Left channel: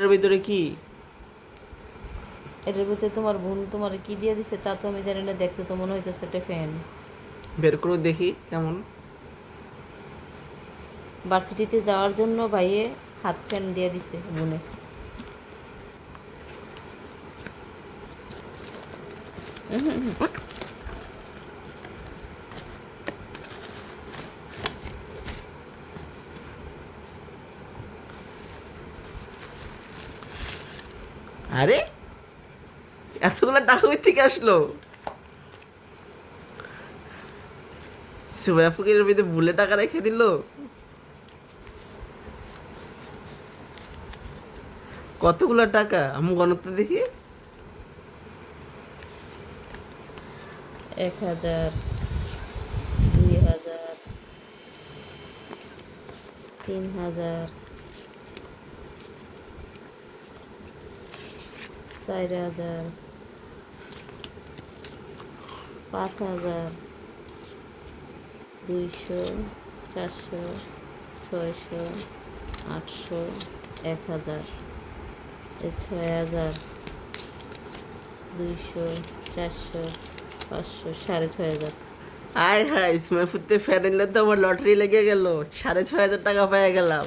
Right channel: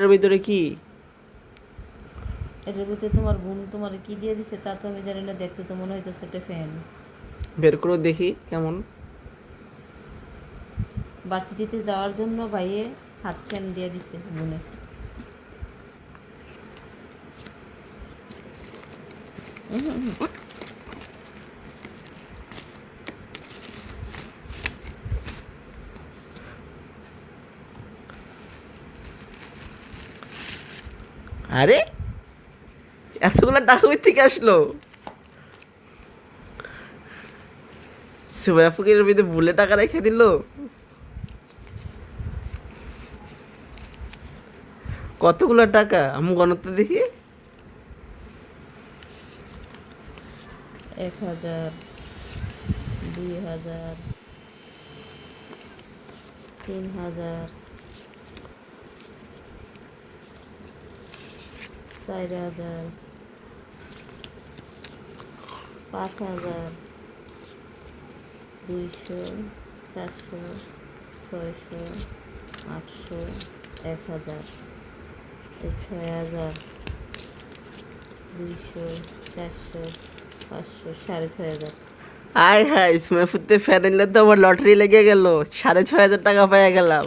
এর ভিতরে কি? এটার ভিতরে তোমার বোন তোমার কি দিয়ে দিছে তা তো আমি জানি না, দেখতে তো মনে হইতেছে একটা ফ্যান। বের করে দেখি কেমন। ভার্সিটিতে যাওয়ার জন্য ভাইয়ে হাত ফ্যান দিয়ে দিছে বোনে। আরে এতগুলো টাকা কই থেকে আসলো? সুবাইয়া ফকিরের ভিতরে ভুলে টাকা রেখে দিল। কতগুলো টাকা আমি গণতে দেখি। 1000, 2000, 3000, 4000, 5000, 200, 400, 600, 800, 1000, 6000, 200, 400, 500, 6500। আয় হায়, সুমাইয়া ফুতে ফ্যান এলে তো আমার লটারি লেগে গেল, 6500 টাকা পেয়ে গেলাম।